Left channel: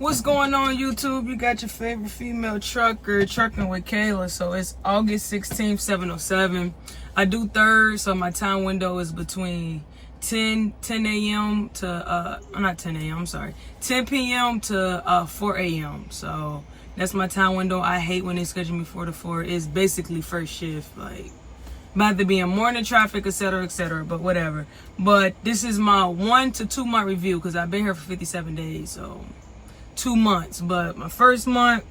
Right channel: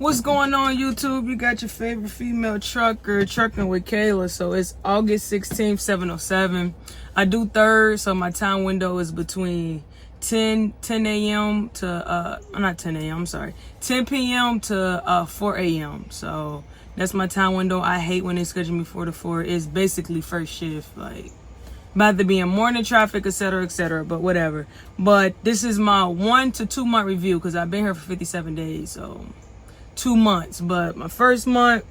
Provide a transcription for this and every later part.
What's going on, YouTube? You got your favorite female trucker, Trucking with Kayla. So it's August 16th, 7:07. I do third, so my time window is between 10 a.m. to, not 10 a.m., I'm sorry, 10 p.m. to 4 a.m. So that's my time window. I hate when they schedule me 4 to 4. It's basically first shift, like, about to be in morning traffic, etc., but whatever. But this is my 1 to 2 month review because I've been here for 57 days, so 2 months. But my first month,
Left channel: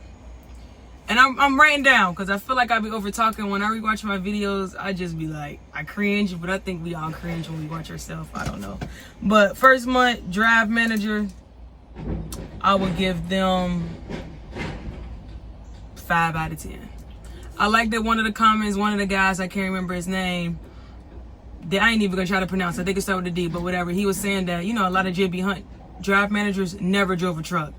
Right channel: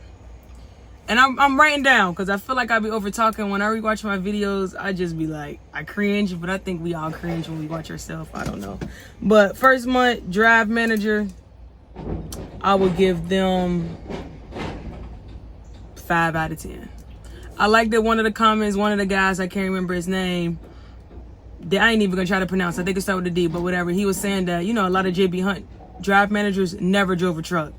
and I'm writing down because I feel like I be over talking. When I rewatch my videos, I just be like, I cringe, but I think we all cringe when we watch ourselves. I don't know. But first month, drive manager, I would give them 5 out of 10. I like that one of the comments, one of the guys, I can't remember his name, I ain't even gonna try to pronounce, I think it started with a D, but whatever. He was saying that, you know, a lot of JB Hunt drive managers never drove a truck.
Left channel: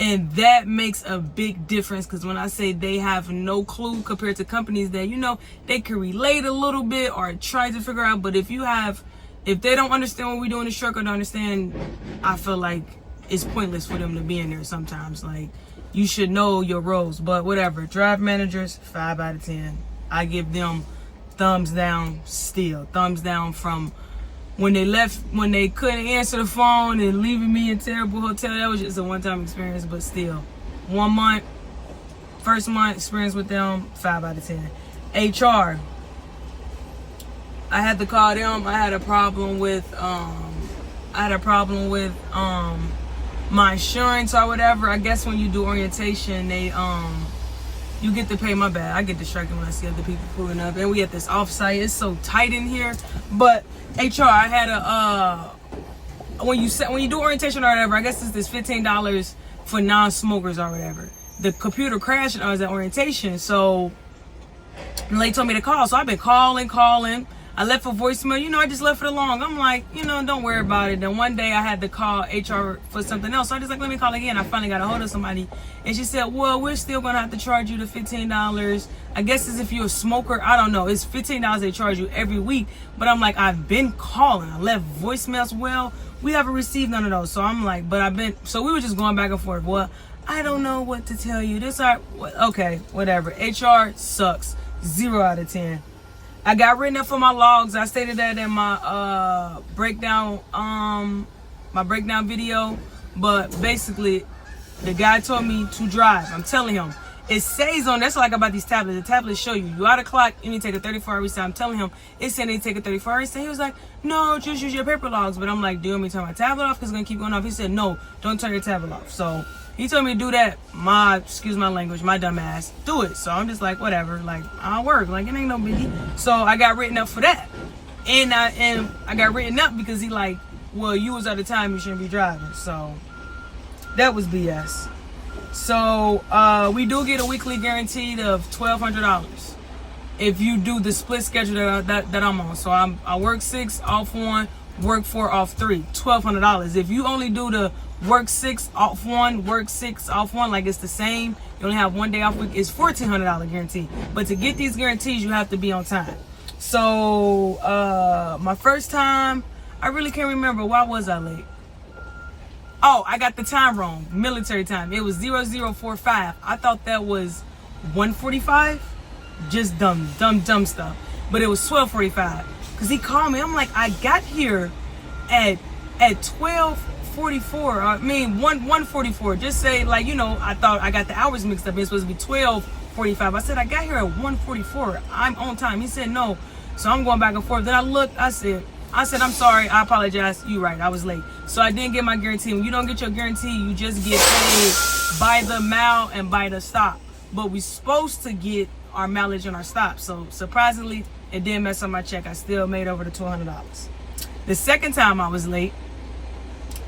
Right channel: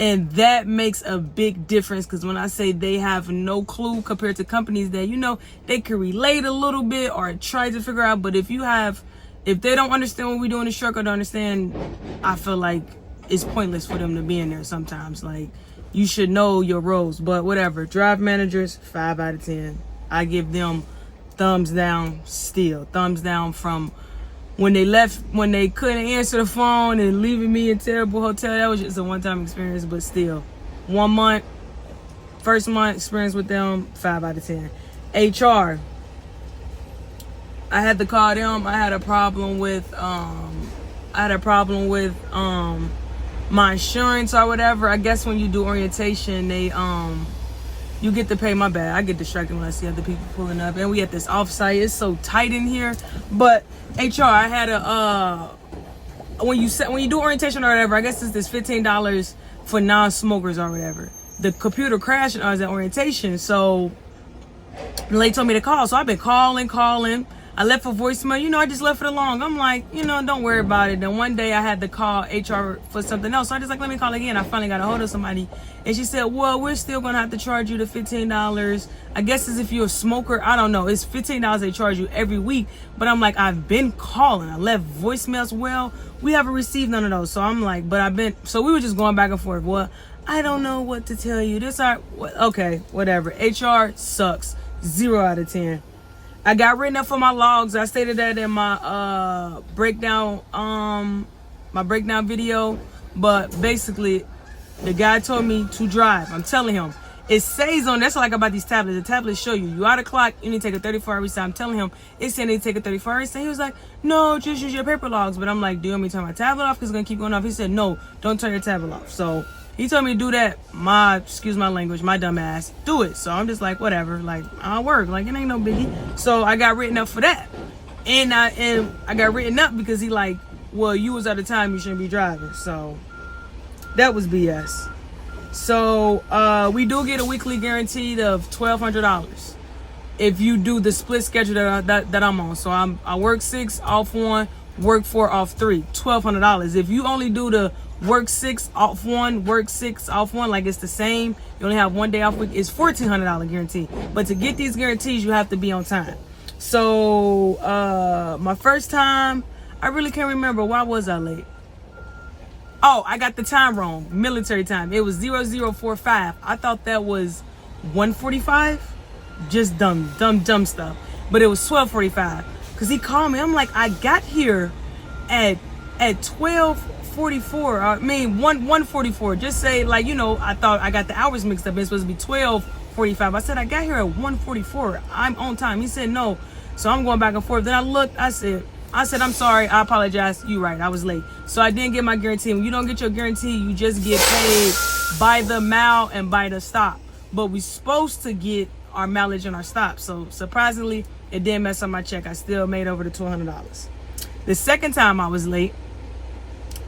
And that makes a big difference, because when I say they have no clue compared to companies that, you know, they can relate a little bit or try to figure out, but if they don't understand what we do in the truck or don't understand, I feel like it's pointless for them to be in there sometimes. Like, you should know your roles, but whatever. Drive managers, 5 out of 10. I give them thumbs down still. Thumbs down from when they left, when they couldn't answer the phone and leaving me in terrible hotel. That was just a one-time experience, but still. 1 month, first month experience with them, 5 out of 10. HR, I had to call them. I had a problem with my insurance or whatever. I guess when you do orientation, they you get to pay. My bad, I get distracted when I see other people pulling up, and we at this offsite. It's so tight in here. But HR, I had a when you do orientation or whatever, I guess it's this $15 for non-smokers or whatever. The computer crashed when I was at orientation, so the lady told me to call. So I've been calling. I left a voicemail, you know, I just left it alone. I'm like, you know, don't worry about it. Then one day I had to call HR for something else. So I just like, let me call again. I finally got a hold of somebody. And she said, well, we're still going to have to charge you the $15. I guess it's if you're a smoker. I don't know. It's $15 they charge you every week. But I'm like, I've been calling. I left voicemails. Well, we haven't received none of those. So I'm like, so we were just going back and forth. Well, I don't know what to tell you. Okay, whatever. HR sucks. 0 out of 10. I got written up for my logs. I stated that in my breakdown video. But basically, the guy told me to drive. I'm telling him. It says on, that's what I like about these tablets. The tablets show you out of clock, you need to take a 34-hour reset. I'm telling him, it's saying they take a 34-hour reset. He was like, no, just use your paper logs. But I'm like, do you want me to turn my tablet off? Because it's going to keep going off. He said, no, don't turn your tablet off. So he told me to do that. Excuse my language, my dumb ass, do it. So I'm just like, whatever, like, I'll work. Like, it ain't no biggie. So I got written up for that. And I got written up because he like, well, you was out of time, you shouldn't be driving. So that was BS. So we do get a weekly guaranteed of $1,200 if you do the split schedule that I'm on. So I work 6, off 1, work 4, off 3, $1,200. If you only do the work 6, off 1, work 6, off 1, like it's the same, you only have 1 day off week, it's $1,400 guarantee. But to get these guarantees, you have to be on time. So my first time, I really can't remember. Why was I late? Oh, I got the time wrong. Military time. It was 0045. I thought that was 1:45. Just dumb stuff. But it was 12:45. Because he called me. I'm like, I got here at 12:44. I mean, 1:44. Just say, like, you know, I thought I got the hours mixed up. It's supposed to be 12:45. I said, I got here at 1:44. I'm on time. He said, no. So I'm going back and forth. Then I looked. I said, I'm sorry. I apologize. You right. I was late. So I didn't get my guarantee. When you don't get your guarantee, you just get paid by the mile and by the stop. But we're supposed to get our mileage and our stop. So surprisingly, it didn't mess up my check. I still made over the $200. The second time I was late,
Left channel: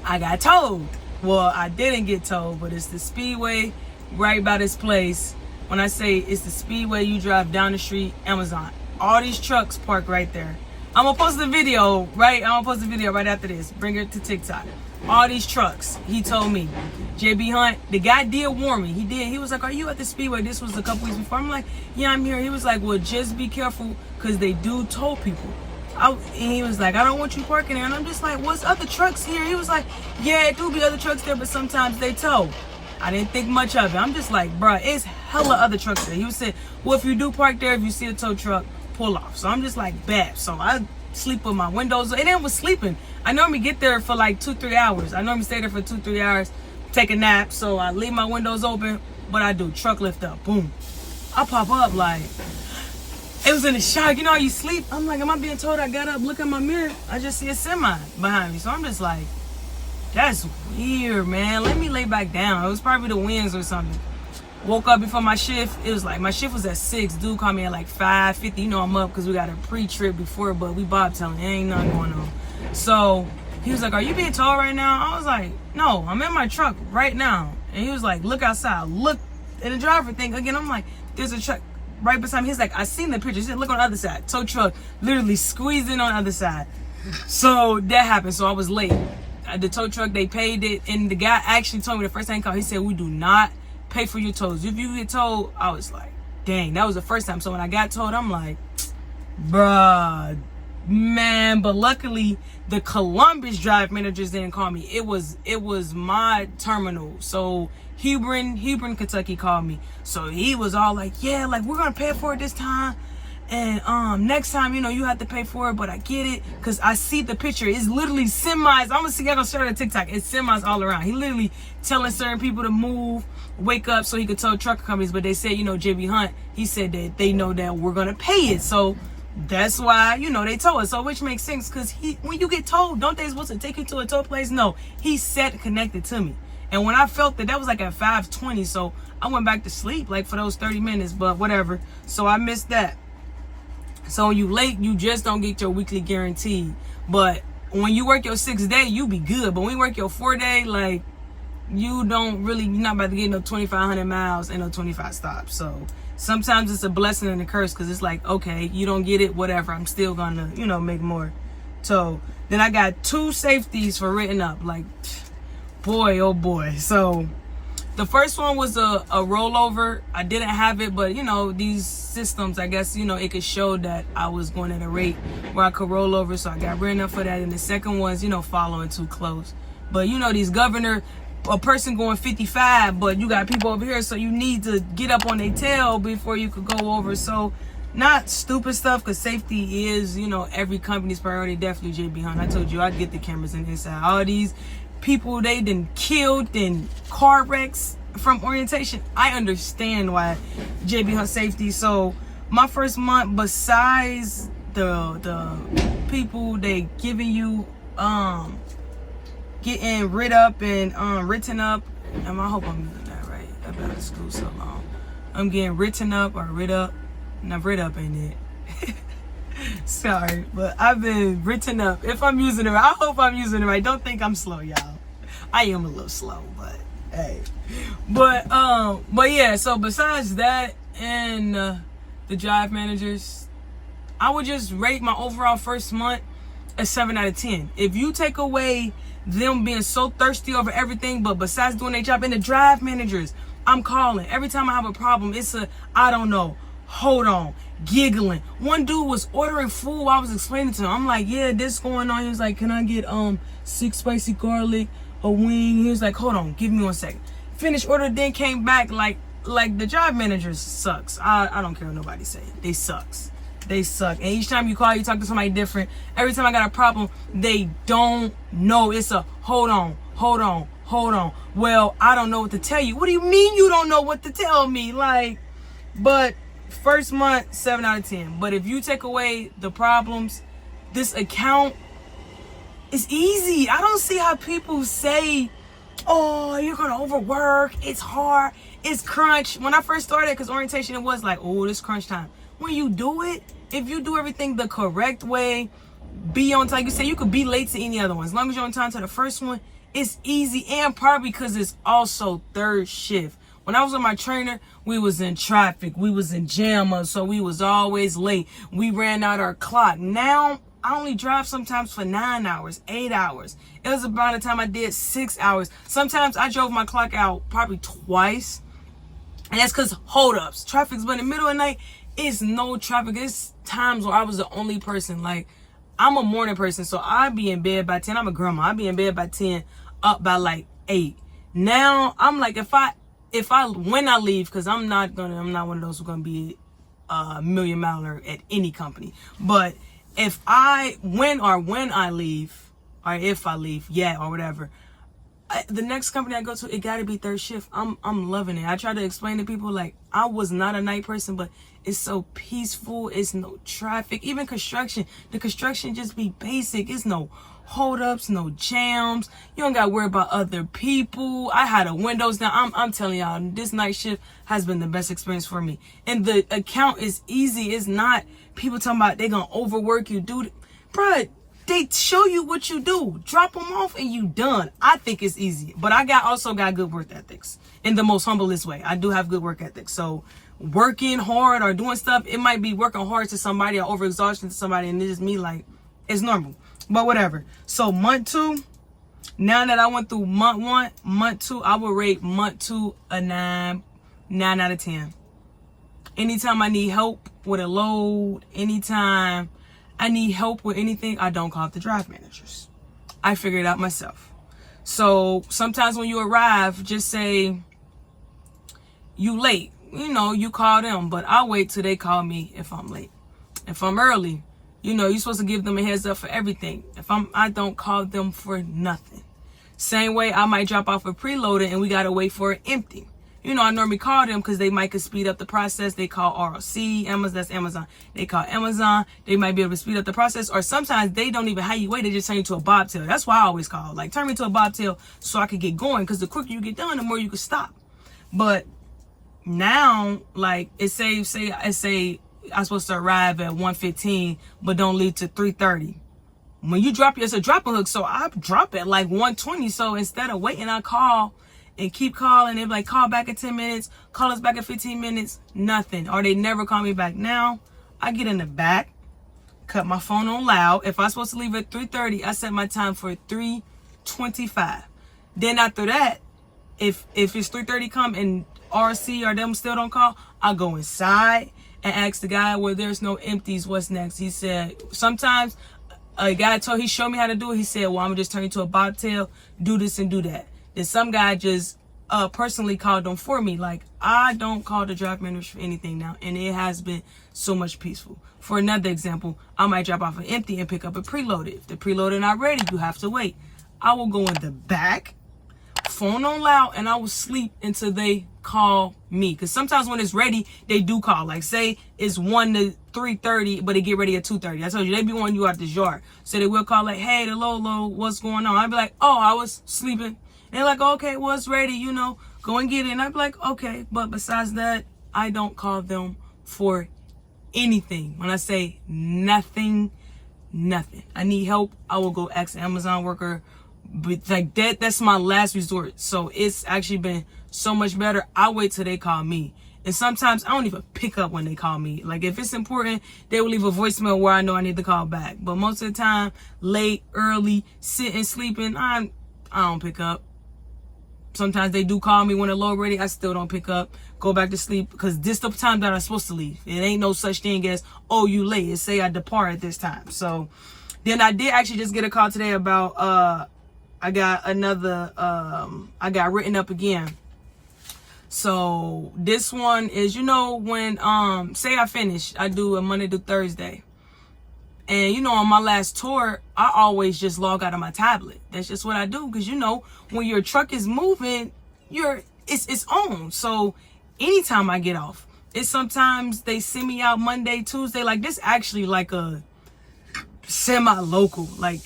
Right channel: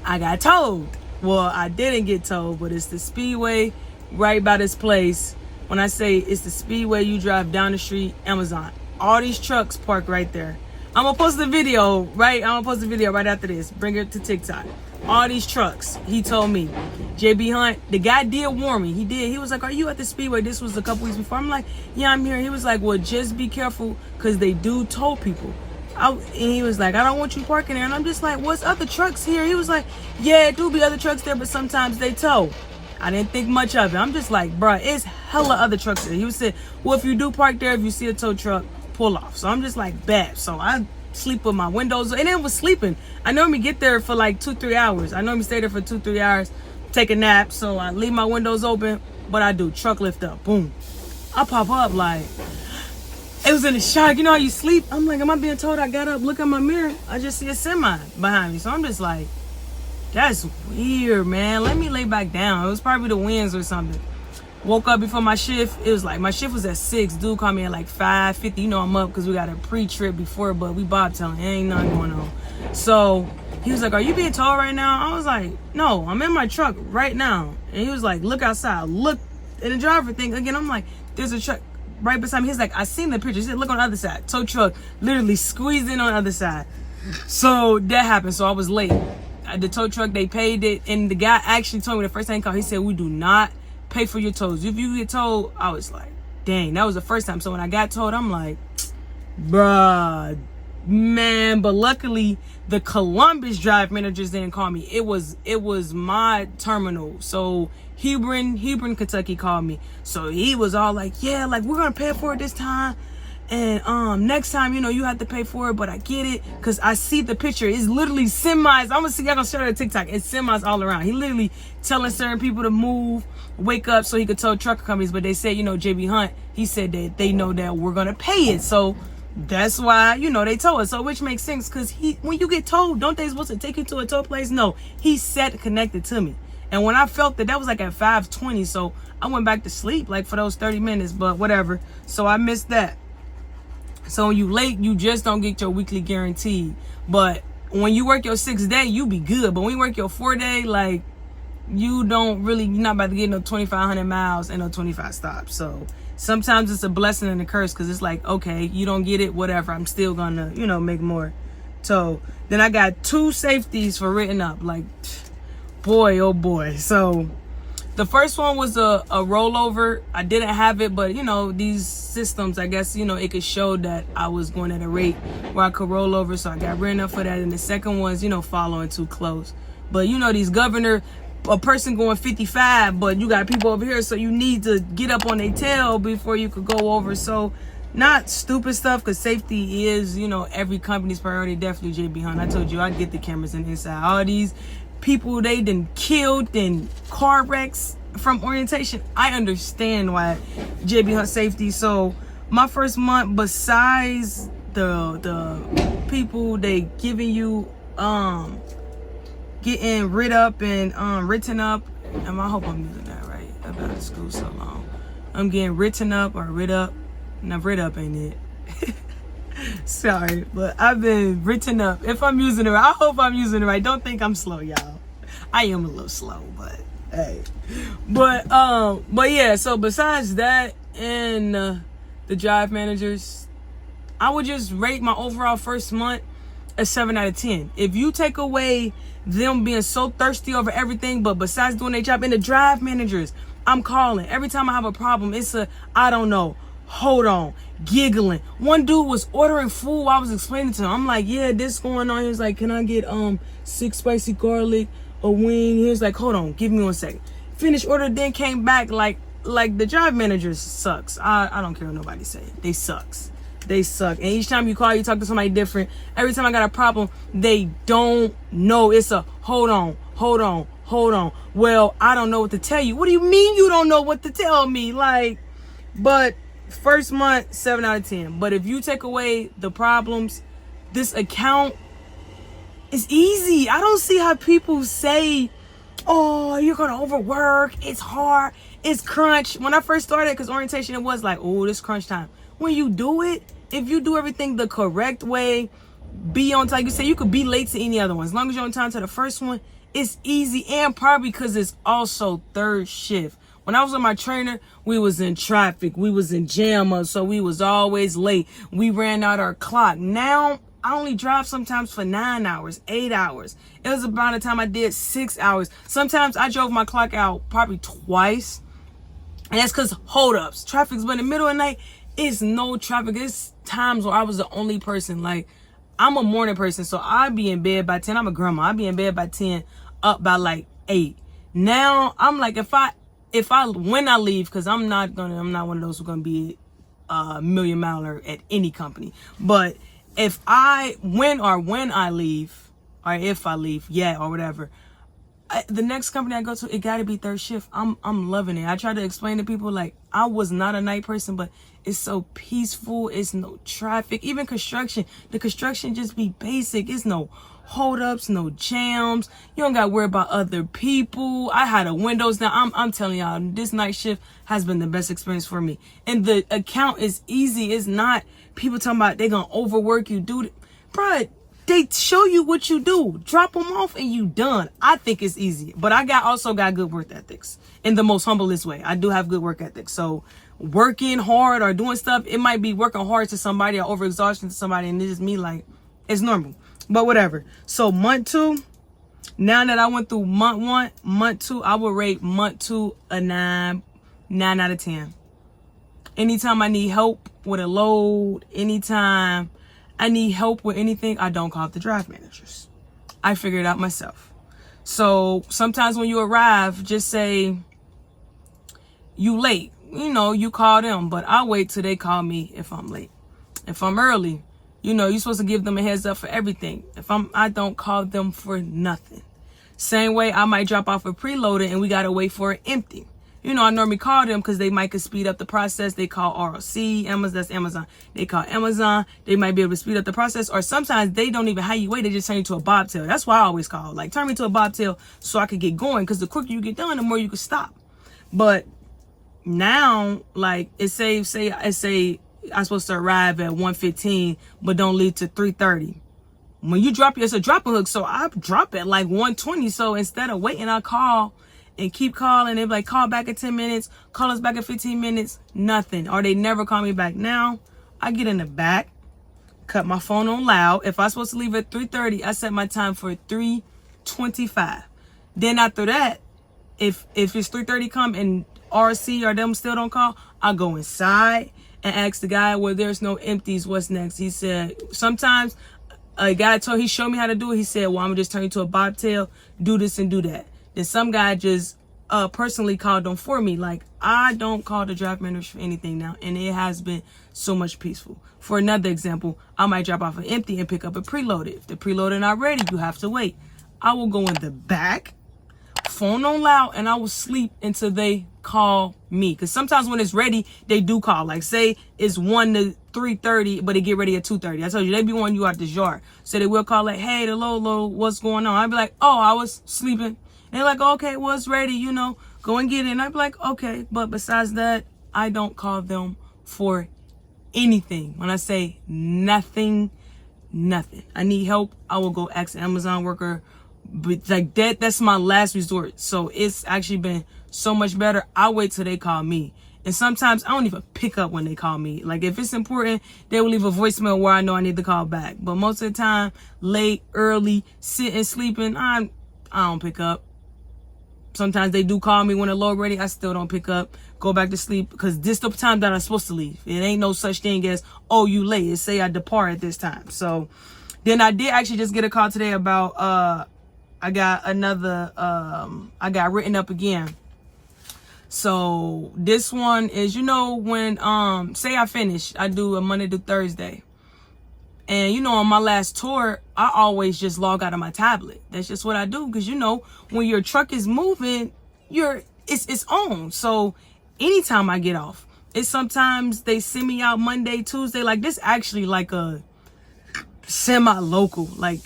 I got towed. Well, I didn't get towed, but it's the Speedway right by this place. When I say it's the Speedway, you drive down the street, Amazon. All these trucks park right there. I'm gonna post the video, right? After this. Bring it to TikTok. All these trucks. He told me. JB Hunt, the guy did warn me. He did. He was like, are you at the Speedway? This was a couple weeks before. I'm like, yeah, I'm here. He was like, well, just be careful because they do tow people. And he was like, I don't want you parking there. And I'm just like, what's other trucks here? He was like, yeah, it do be other trucks there, but sometimes they tow. I didn't think much of it. I'm just like, bruh, it's hella other trucks there. He was saying, well, if you do park there, if you see a tow truck, pull off. So I'm just like, bet. So I sleep with my windows, and it was sleeping. I normally get there for like 2-3 hours. I normally stay there for 2-3 hours, take a nap. So I leave my windows open, but I do truck lift up, boom. I pop up like, it was in a shock. You know how you sleep? I'm like, am I being told? I got up, look in my mirror, I just see a semi behind me. So I'm just like, that's weird, man. Let me lay back down. It was probably the winds or something. Woke up before my shift. It was like, my shift was at 6. Dude called me at like 5:50. You know I'm up because we got a pre-trip before, but we bobtailing. Ain't nothing going on. So he was like, are you being towed right now? I was like, no, I'm in my truck right now. And he was like, look outside. Look in the driver thing. Again, I'm like, there's a truck right beside me. He's like, I seen the picture. He said, look on the other side. Tow truck literally squeezed in on the other side. So that happened. So I was late. The tow truck, they paid it. And the guy actually told me the first time he called, he said, we do not pay for your tows. If you get towed, I was like, dang, that was the first time. So when I got towed, I'm like, bruh, man. But luckily, the Columbus drive managers didn't call me. It was my terminal. So Hebron, Kentucky called me. So he was all like, yeah, like we're gonna pay for it this time. And next time, you know, you have to pay for it, but I get it, because I see the picture. It's literally semis. I'm gonna see, y'all gonna share it on TikTok. It's semis all around. He literally telling certain people to move, wake up so he could tow trucker companies. But they said, you know, JB Hunt, he said that they know that we're gonna pay it. So that's why, you know, they tow us. So which makes sense, because when you get towed, don't they supposed to take you to a tow place? No, he sat connected to me. And when I felt that was like at 5:20. So I went back to sleep like for those 30 minutes, but whatever. So I missed that. So when you late, you just don't get your weekly guaranteed. But when you work your 6 day, you be good. But when you work your 4 day, like, you're not about to get no 2,500 miles and no 25 stops. So sometimes it's a blessing and a curse, because it's like, okay, you don't get it, whatever. I'm still gonna, you know, make more. So then I got 2 safeties for written up. Like, boy, oh boy. So the first one was a rollover. I didn't have it, but you know, these systems, I guess, you know, it could show that I was going at a rate where I could roll over. So I got written up for that. And the second was, you know, following too close. But you know, these governor, a person going 55, but you got people over here, so you need to get up on their tail before you could go over. So not stupid stuff, because safety is, you know, every company's priority. Definitely JB Hunt. I told you I'd get the cameras in inside. All these people they done killed in car wrecks from orientation. I understand why JB Hunt safety. So my first month, besides the people they giving you getting rid up and written up, I hope I'm using that right. I've been out of school so long. I'm getting written up or rid up. Now rid up ain't it. Sorry, but I've been written up. If I'm using it right, I hope I'm using it right. Don't think I'm slow, y'all. I am a little slow, but hey. But yeah, so besides that and the drive managers, I would just rate my overall first month a 7 out of 10. If you take away them being so thirsty over everything, but besides doing their job, and the drive managers, I'm calling. Every time I have a problem, it's I don't know, hold on, giggling. One dude was ordering food while I was explaining to him. I'm like, yeah, this going on. He was like, can I get 6 spicy garlic, a wing? He was like, hold on, give me 1 second. Finished order, then came back like the drive managers sucks. I don't care what nobody say. They sucks. They suck. And each time you call, you talk to somebody different. Every time I got a problem, they don't know. It's a hold on. Well, I don't know what to tell you. What do you mean you don't know what to tell me? Like, but first month, 7 out of 10. But if you take away the problems, this account is easy. I don't see how people say, oh, you're going to overwork. It's hard. It's crunch. When I first started, because orientation, it was like, oh, this crunch time. When you do it, if you do everything the correct way, be on time. Like you say, you could be late to any other one. As long as you're on time to the first one, it's easy. And probably because it's also third shift. When I was with my trainer, we was in traffic. We was in jam, so we was always late. We ran out our clock. Now, I only drive sometimes for 9 hours, 8 hours. It was about the time I did 6 hours. Sometimes I drove my clock out probably twice. And that's because hold-ups. Traffic's been in the middle of the night. It's no traffic. It's times where I was the only person. Like, I'm a morning person, so I be in bed by 10. I'm a grandma. I be in bed by 10, up by like 8. Now I'm like, when I leave, because I'm not one of those who's gonna be a million miler at any company. But when I leave, or if I leave, or whatever, the next company I go to, it gotta be third shift. I'm loving it. I try to explain to people, like, I was not a night person, but it's so peaceful. It's no traffic. Even construction, the construction just be basic. It's no hold-ups, no jams. You don't gotta worry about other people. I had the windows down. I'm telling y'all, this night shift has been the best experience for me. And the account is easy. It's not people talking about they gonna overwork you, dude. Bruh, they show you what you do. Drop them off and you done. I think it's easy. But I also got good work ethics in the most humblest way. I do have good work ethics. So working hard or doing stuff, it might be working hard to somebody or overexhaustion to somebody, and it's just me, like, it's normal. But whatever. So month 2, now that I went through month 1, month 2, I would rate month 2 a 9 out of 10. Anytime I need help with a load, anytime I need help with anything, I don't call the drive managers. I figure it out myself. So sometimes when you arrive, just say you late. You call them, but I'll wait till they call me if I'm late. If I'm early, you're supposed to give them a heads up for everything. I don't call them for nothing. Same way, I might drop off a preloader and we gotta wait for it empty. I normally call them because they might could speed up the process. They call ROC, Amazon, that's Amazon. They call Amazon. They might be able to speed up the process. Or sometimes they don't even have you wait. They just turn you to a bobtail. That's why I always call. Like, turn me to a bobtail so I could get going. Because the quicker you get done, the more you can stop. But now, like, say I'm supposed to arrive at 1:15, but don't leave to 3:30. When you drop it's a dropping hook. So I drop it like 1:20. So instead of waiting, I call and keep calling. They're like, call back in 10 minutes, call us back in 15 minutes, nothing. Or they never call me back. Now, I get in the back, cut my phone on loud. If I'm supposed to leave at 3:30, I set my time for 3:25. Then after that, if it's 3:30 come and RC or them still don't call, I go inside and ask the guy, well, there's no empties, what's next? He said, sometimes a guy he showed me how to do it. He said, well, I'm gonna just turn you to a bobtail, do this and do that. Then some guy just personally called them for me. Like, I don't call the drive manager for anything now, and it has been so much peaceful. For another example, I might drop off an empty and pick up a preloaded. If the preloaded not ready, you have to wait. I will go in the back, phone on loud, and I will sleep until they call me. Because sometimes when it's ready, they do call. Like, say it's 1 to 3:30, but they get ready at 2:30. I told you, they be wanting you out this yard. So they will call, like, hey, the Lolo, what's going on? I'd be like, oh, I was sleeping. They're like, okay, well, it's ready, go and get it. And I'd be like, okay. But besides that, I don't call them for anything. When I say nothing. I need help, I will go ask an Amazon worker. But like that's my last resort. So it's actually been so much better. I wait till they call me. And sometimes I don't even pick up when they call me. Like, if it's important, they will leave a voicemail where I know I need to call back. But most of the time, late, early, sitting, sleeping, I don't pick up. Sometimes they do call me when they're low ready. I still don't pick up. Go back to sleep because this the time that I'm supposed to leave. It ain't no such thing as, oh, you late. It say I depart at this time. So then I did actually just get a call today about I got another I got written up again. So this one is, when say I finish, I do a Monday to Thursday. And, on my last tour, I always just log out of my tablet. That's just what I do. Because, when your truck is moving, it's on. So anytime I get off, it's sometimes they send me out Monday, Tuesday. Like, this actually like a semi-local. Like,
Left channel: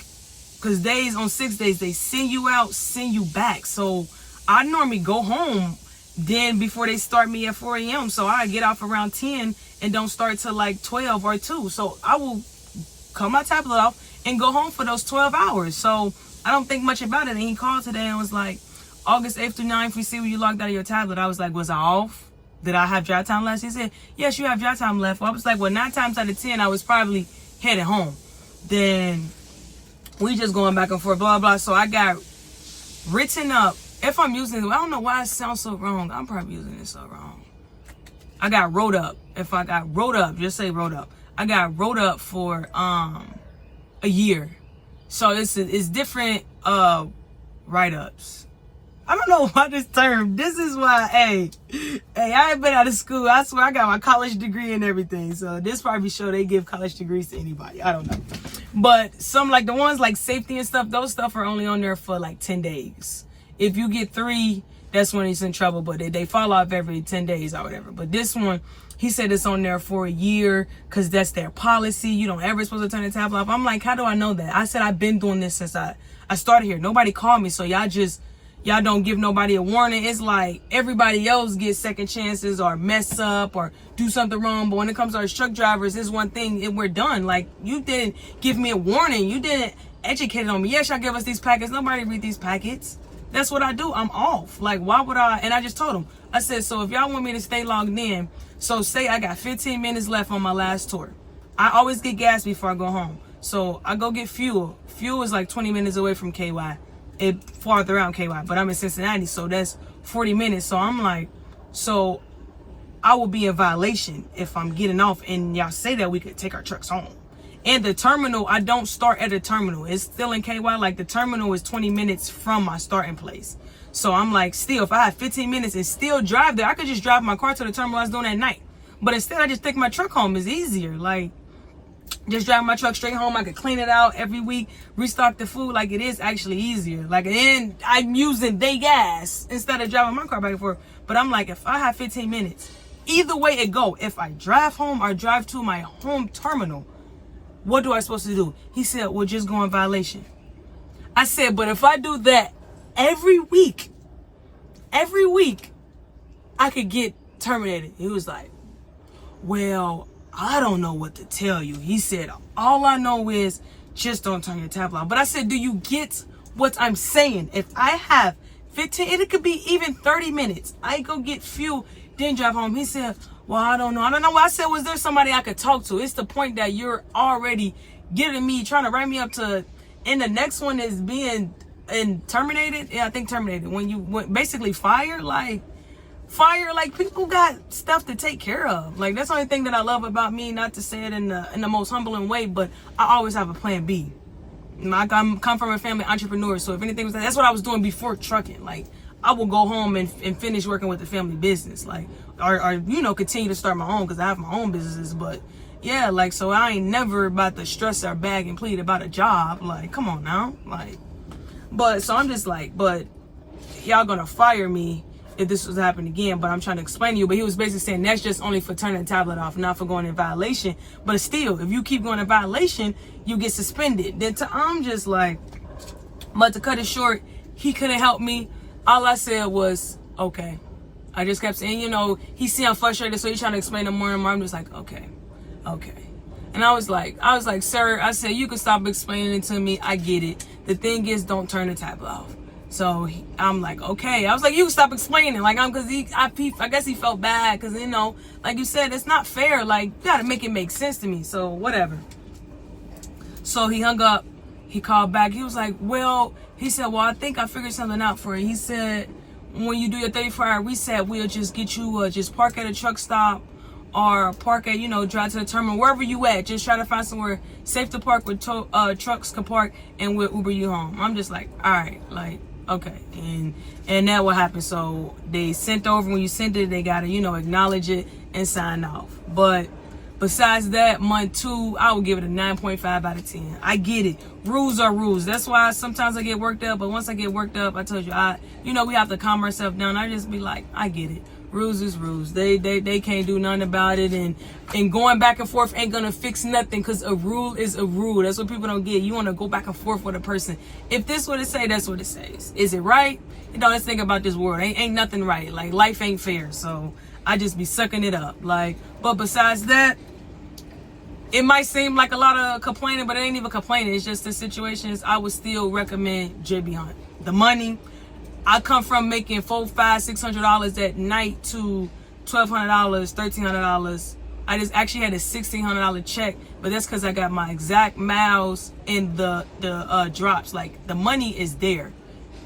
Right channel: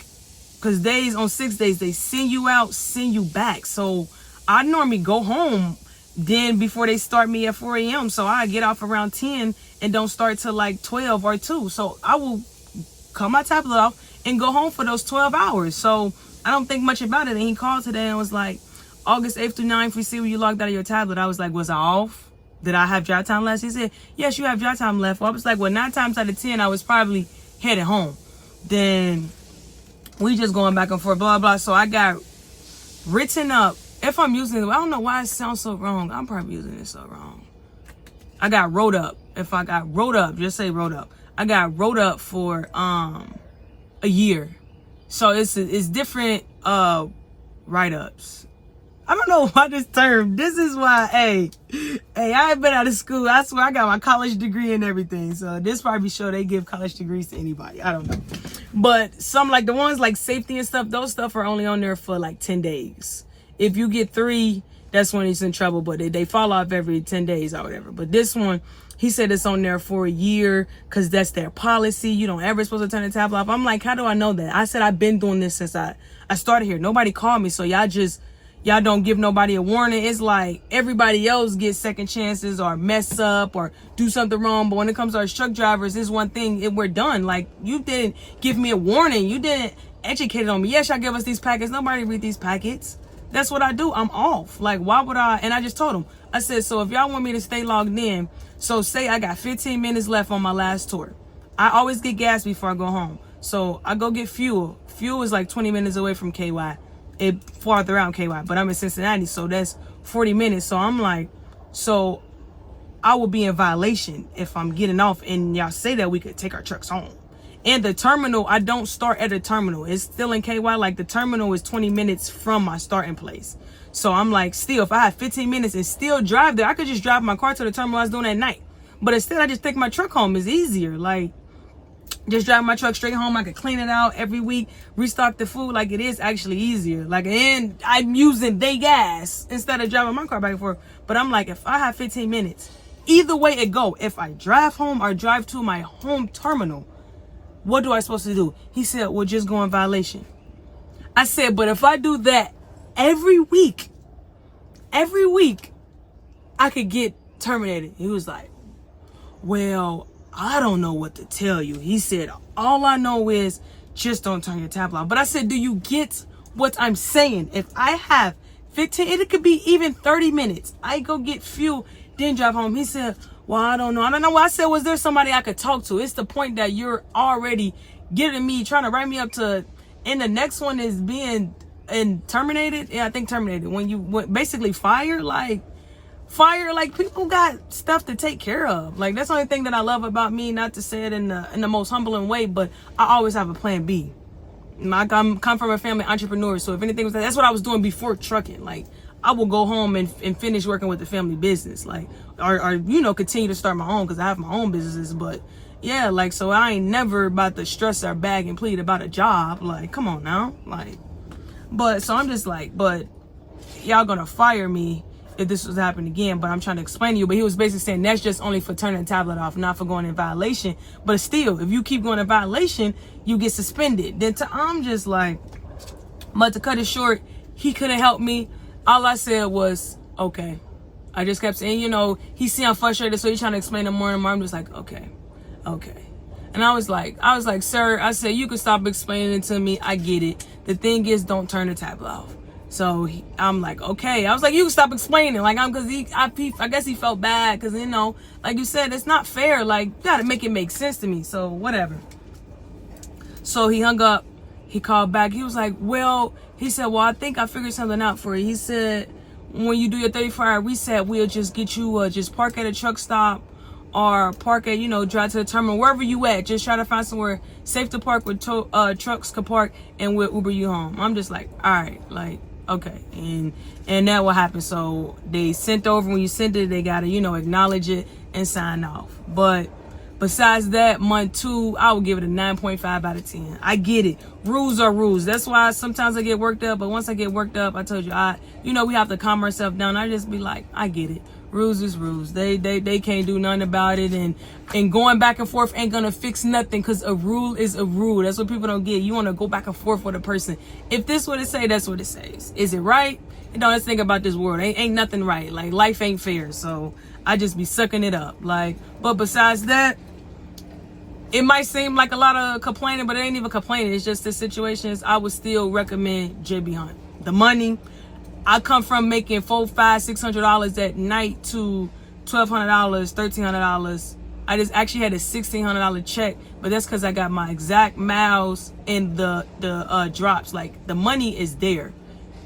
because on 6 days, they send you out, send you back. So I normally go home then before they start me at 4 a.m. So I get off around 10 and don't start till like 12 or 2. So I will cut my tablet off and go home for those 12 hours. So I don't think much about it. And he called today and was like, August 8th through 9th, we see when you logged out of your tablet. I was like, was I off? Did I have drive time left? He said, yes, you have drive time left. Well, I was like, well, 9 times out of 10, I was probably headed home. Then we just going back and forth, blah, blah. So I got written up. If I'm using it, I don't know why it sounds so wrong. I'm probably using it so wrong. I got wrote up. If I got wrote up, just say wrote up. I got wrote up for a year. So it's different write-ups. I don't know why this term. This is why, hey, I ain't been out of school. I swear I got my college degree and everything. So this probably show they give college degrees to anybody. I don't know. But some like the ones like safety and stuff, those stuff are only on there for like 10 days. If you get 3, that's when he's in trouble. But they fall off every 10 days or whatever. But this one, he said it's on there for a year because that's their policy. You don't ever supposed to turn the tablet off. I'm like, how do I know that? I said I've been doing this since I started here. Nobody called me. So y'all don't give nobody a warning. It's like everybody else gets second chances or mess up or do something wrong. But when it comes to our truck drivers, it's one thing and we're done. Like, you didn't give me a warning. You didn't educate on me. Yes, y'all give us these packets. Nobody read these packets. That's what I do. I'm off. Like, why would I? And I just told them. I said, so if y'all want me to stay logged in, so say I got 15 minutes left on my last tour. I always get gas before I go home. So I go get fuel. Fuel is like 20 minutes away from KY. It farther out KY, but I'm in Cincinnati, so that's 40 minutes. So I'm like, so I will be in violation if I'm getting off and y'all say that we could take our trucks home. And the terminal, I don't start at the terminal. It's still in KY. Like, the terminal is 20 minutes from my starting place. So I'm like, still, if I had 15 minutes and still drive there, I could just drive my car to the terminal I was doing at night. But instead, I just take my truck home. It's easier. Like, just drive my truck straight home. I could clean it out every week, restock the food. Like, it is actually easier. Like, and I'm using their gas instead of driving my car back and forth. But I'm like, if I have 15 minutes, either way it go, if I drive home or drive to my home terminal, what do I supposed to do? He said, well, just go in violation. I said, but if I do that every week, I could get terminated. He was like, well, I don't know what to tell you. He said, all I know is just don't turn your tablet on. But I said, do you get what I'm saying? If I have 15, it could be even 30 minutes. I go get fuel, then drive home. He said, well, I don't know. I said, was there somebody I could talk to? It's the point that you're already getting me, trying to write me up to, and the next one is being terminated. Yeah, I think terminated. When you basically fire, like people got stuff to take care of. Like, that's the only thing that I love about me, not to say it in the most humbling way, but I always have a plan B. I come from a family entrepreneur, so if anything was that's what I was doing before trucking. Like, I will go home and finish working with the family business, like, or continue to start my own, because I have my own businesses. But yeah, like, so I ain't never about to stress or bag and plead about a job. Like, come on now, like, but so I'm just like, but y'all gonna fire me if this was to happen again. But I'm trying to explain to you, but he was basically saying that's just only for turning the tablet off, not for going in violation. But still, if you keep going in violation, you get suspended. Then I'm just like, but to cut it short, he couldn't help me. All I said was, okay. I just kept saying, he see I'm frustrated, so he's trying to explain it more and more. I'm just like, okay. And I was like, sir, I said, you can stop explaining it to me. I get it. The thing is, don't turn the tablet off. So I'm like, okay. I was like, you can stop explaining. Like, I guess he felt bad because, like you said, it's not fair. Like, you got to make it make sense to me. So whatever. So he hung up. He called back. He was like, he said, I think I figured something out for you. He said, when you do your 34-hour reset, we'll just get you, just park at a truck stop or park at, drive to the terminal, wherever you at. Just try to find somewhere safe to park where trucks can park, and we'll Uber you home. I'm just like, all right, like, okay. And that what happened. So they sent over, when you send it, they got to, acknowledge it and sign off. But besides that, month 2, I would give it a 9.5 out of 10. I get it. Rules are rules. That's why sometimes I get worked up. But once I get worked up, I told you, we have to calm ourselves down. I just be like, I get it. Rules is rules. They can't do nothing about it. And going back and forth ain't gonna fix nothing, because a rule is a rule. That's what people don't get. You want to go back and forth with a person. If this what it say, that's what it says. Is it right? Let's think about this world. Ain't nothing right. Like, life ain't fair. So I just be sucking it up. Like, but besides that, it might seem like a lot of complaining, but it ain't even complaining. It's just the situations. I would still recommend JB Hunt. The money, I come from making $400, $500, $600 at night to $1,200, $1,300. I just actually had a $1,600 check, but that's because I got my exact miles and the drops. Like, the money is there.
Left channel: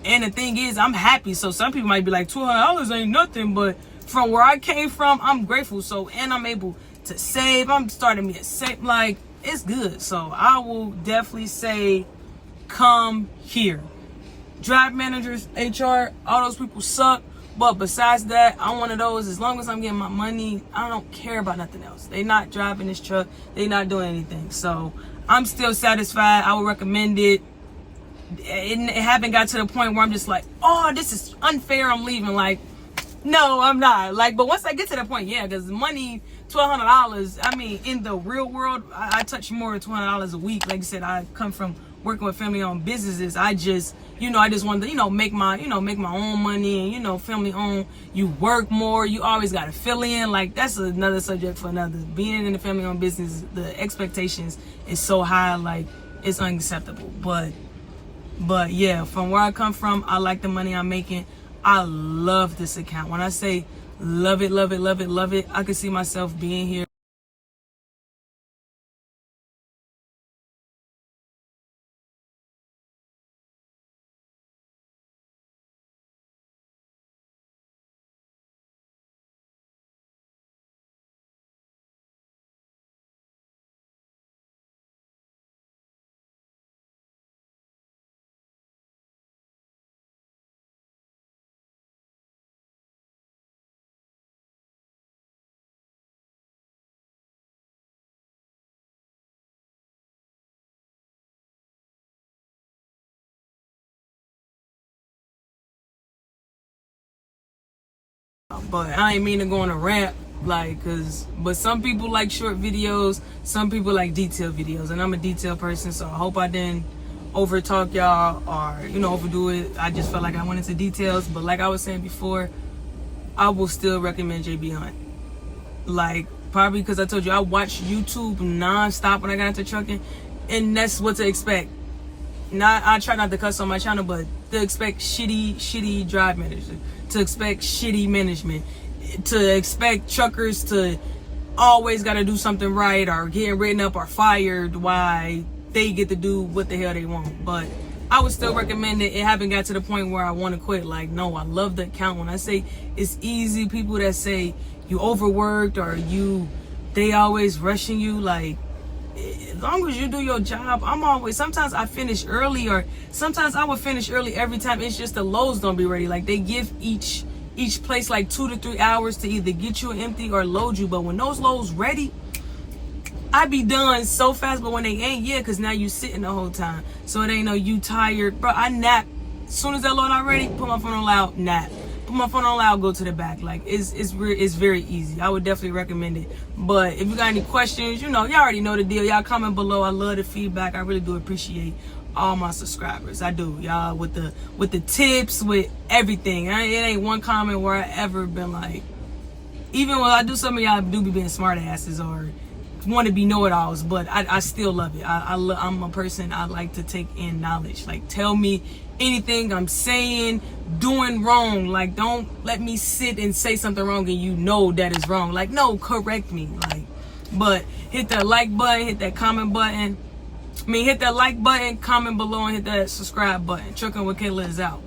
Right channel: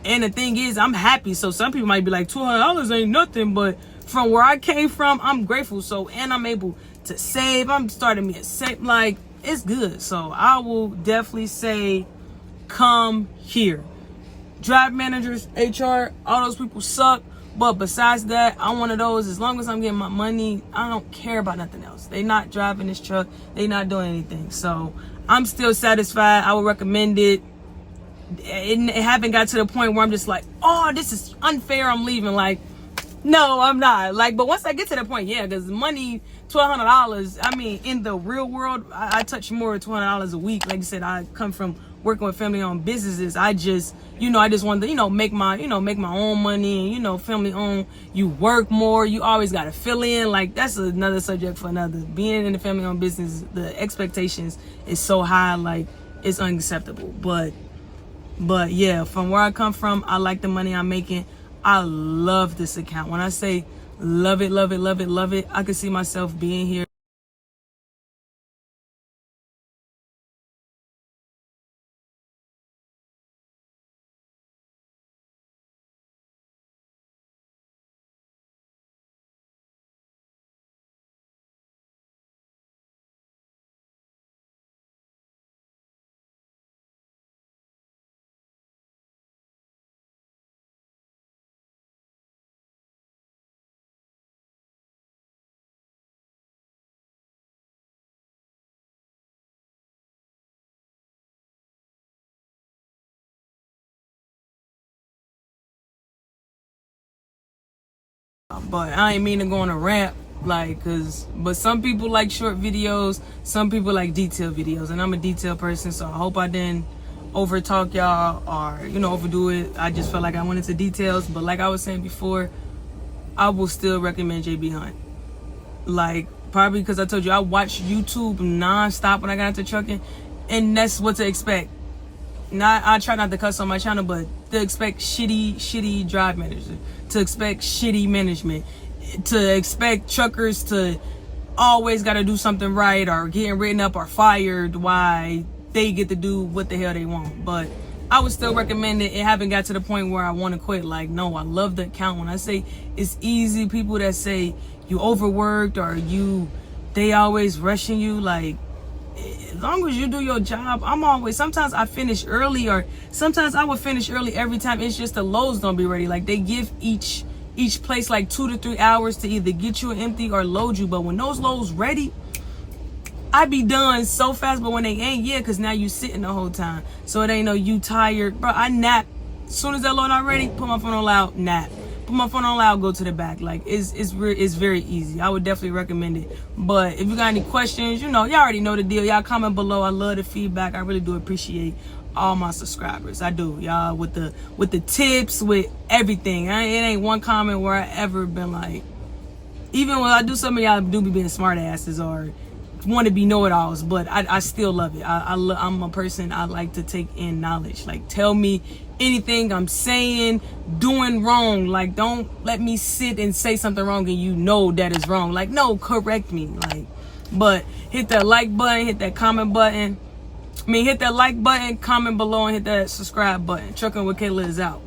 And the thing is, I'm happy. So some people might be like, $200 ain't nothing, but from where I came from, I'm grateful. So, and I'm able to save. I'm starting me a save. Like, it's good. So I will definitely say, come here. drive managers, HR, all those people suck. But besides that, I'm one of those, as long as I'm getting my money, I don't care about nothing else. They not driving this truck. They not doing anything. So I'm still satisfied. I would recommend it. It haven't got to the point where I'm just like, oh, this is unfair, I'm leaving. Like, no, I'm not. Like, but once I get to that point, yeah, because money, $1,200, I mean, in the real world, I touch more than $200 a week. Like I said, I come from working with family-owned businesses. I just wanted to, make my own money, and, family-owned. You work more. You always got to fill in. Like, that's another subject for another. Being in the family-owned business, the expectations is so high, like, it's unacceptable. But yeah, from where I come from, I like the money I'm making. I love this account. When I say love it, love it, love it, love it, I can see myself being here. But I ain't mean to go on a rant, like, but some people like short videos, some people like detailed videos, and I'm a detailed person, so I hope I didn't over talk y'all or, overdo it. I just felt like I went into details, but like I was saying before, I will still recommend JB Hunt. Like, probably because I told you I watch YouTube non-stop when I got into trucking, and that's what to expect. I try not to cuss on my channel, but to expect shitty drive managers, to expect shitty management, to expect truckers to always got to do something right or getting written up or fired while they get to do what the hell they want. But I would still recommend it. It haven't got to the point where I want to quit. Like, no, I love the account. When I say it's easy, people that say you overworked or they always rushing you, like, as long as you do your job, sometimes I finish early, or sometimes I would finish early every time. It's just the loads don't be ready. Like, they give each place like 2 to 3 hours to either get you an empty or load you. But when those loads ready, I be done so fast. But when they ain't, yeah, because now you sitting the whole time. So it ain't no you tired. Bro, I nap. As soon as that load not ready, put my phone on loud, nap. Put my phone on loud, go to the back. Like, it's very easy. I would definitely recommend it. But if you got any questions, y'all already know the deal. Y'all comment below. I love the feedback. I really do appreciate all my subscribers. I do, y'all, with the tips, with everything. It ain't one comment where I ever been like, even when I do something, y'all do be being smart asses or want to be know-it-alls, but I still love it. I'm a person, I like to take in knowledge. Like, tell me anything I'm saying, doing wrong. Like, don't let me sit and say something wrong and that is wrong. Like, no, correct me. Like, but hit that like button, hit that comment button. Hit that like button, comment below, and hit that subscribe button. Trucking with Kayla is out.